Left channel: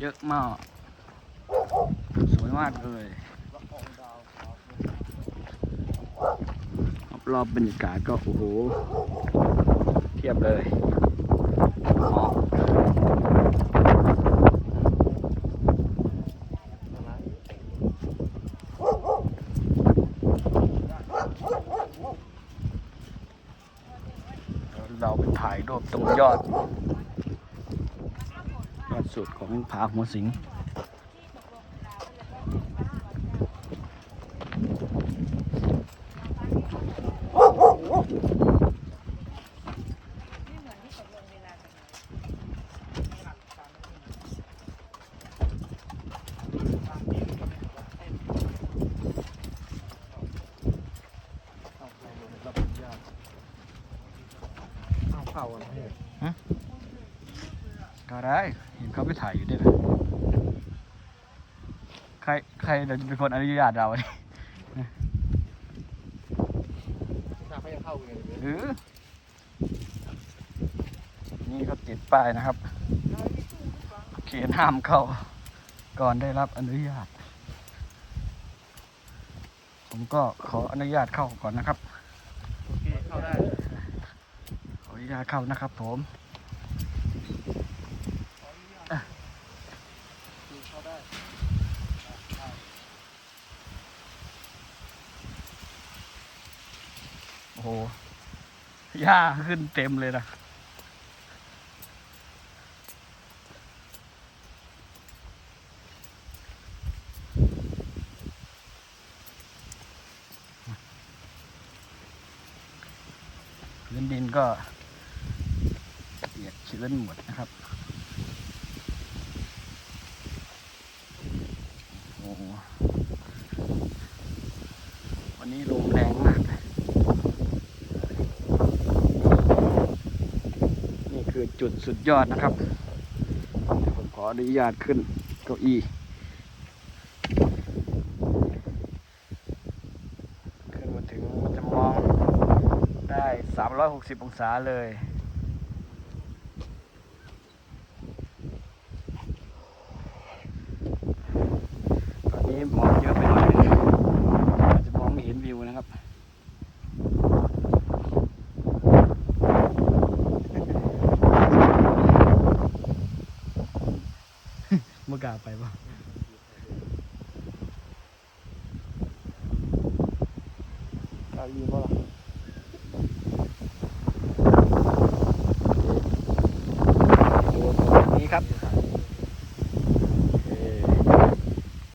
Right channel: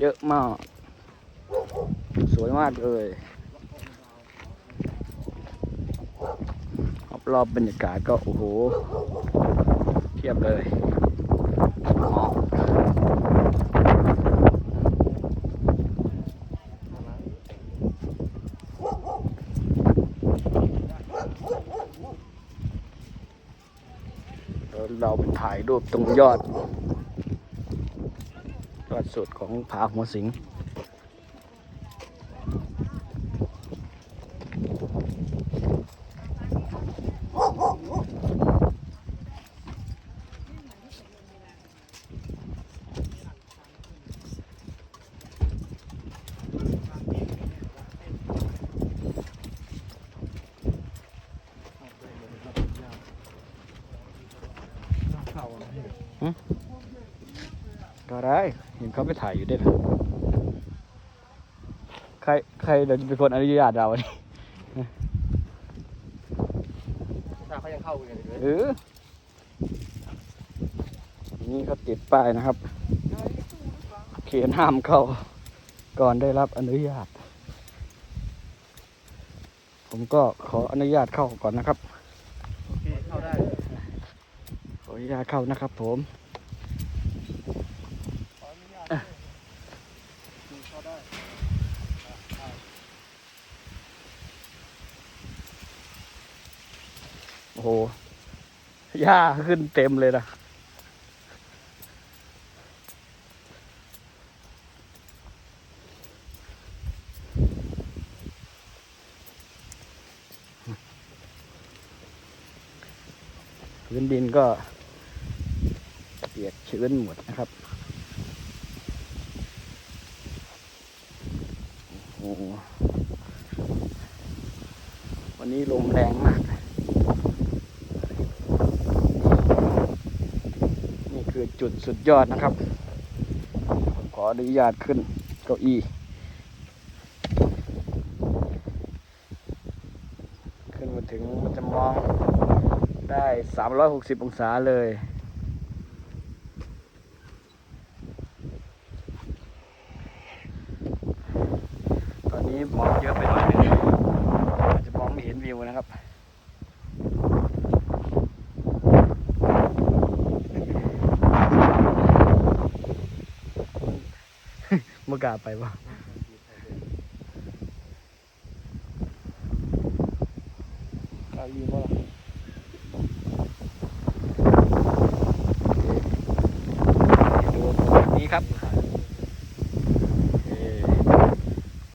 เยอะมาก สวยมากเลยรอบๆบรรยากาศก็ โอ้โห เทียบเลยหมอเราไปถ่ายรูปตรงยอด ยอดสุดของผาหัวสิงเข่าอะไรพี่ ก็ได้เห็นเขาไปถ่ายอยู่ด้วยใครใครเป็นคนอนุญาตเราเนี่ยชาเขายังเข้าอยู่เลยเออนี่ก็ติดป้ายนะครับ เขียนห้ามเข้า ก่อนได้รับอนุญาต ผมก็ขออนุญาตเข้าก่อนนะครับขออนุญาตเข้านะครับผมอะ โอ้โหหญ้าขึ้นเต็มเลยนะพื้นดินก็เปียกชื้นหมดนะครับโอ้โห วันนี้ลมแรงมาก นี่คือจุดสุดยอดนะครับผมขออนุญาตขึ้นเก้าอี้ขึ้นมาถึงจำลองได้ 360 องศาเลย ตอนนี้หมอกเยอะไปหน่อยอาจจะมองไม่เห็นวิวนะครับ เมื่อกาไปปะกาอยู่บ่ล่ะ